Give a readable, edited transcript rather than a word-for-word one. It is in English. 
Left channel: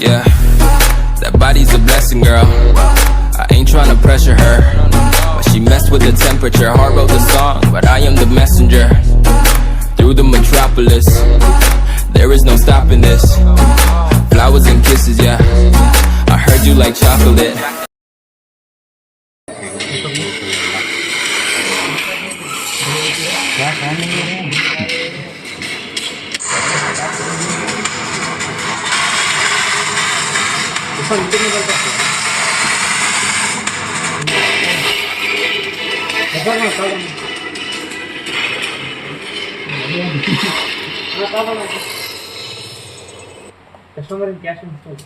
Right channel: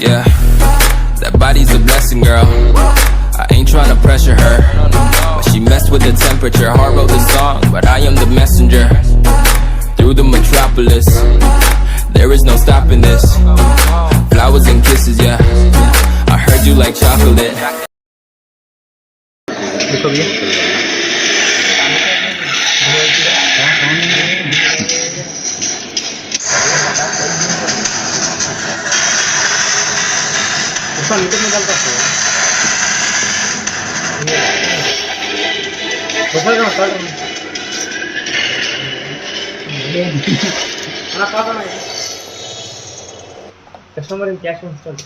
Yeah, that body's a blessing, girl. I ain't tryna pressure her, but she messed with the temperature. Heart wrote the song, but I am the messenger. Through the metropolis, there is no stopping this. Flowers and kisses, yeah. I heard you like chocolate. Customer cash ఉంచుతాడు.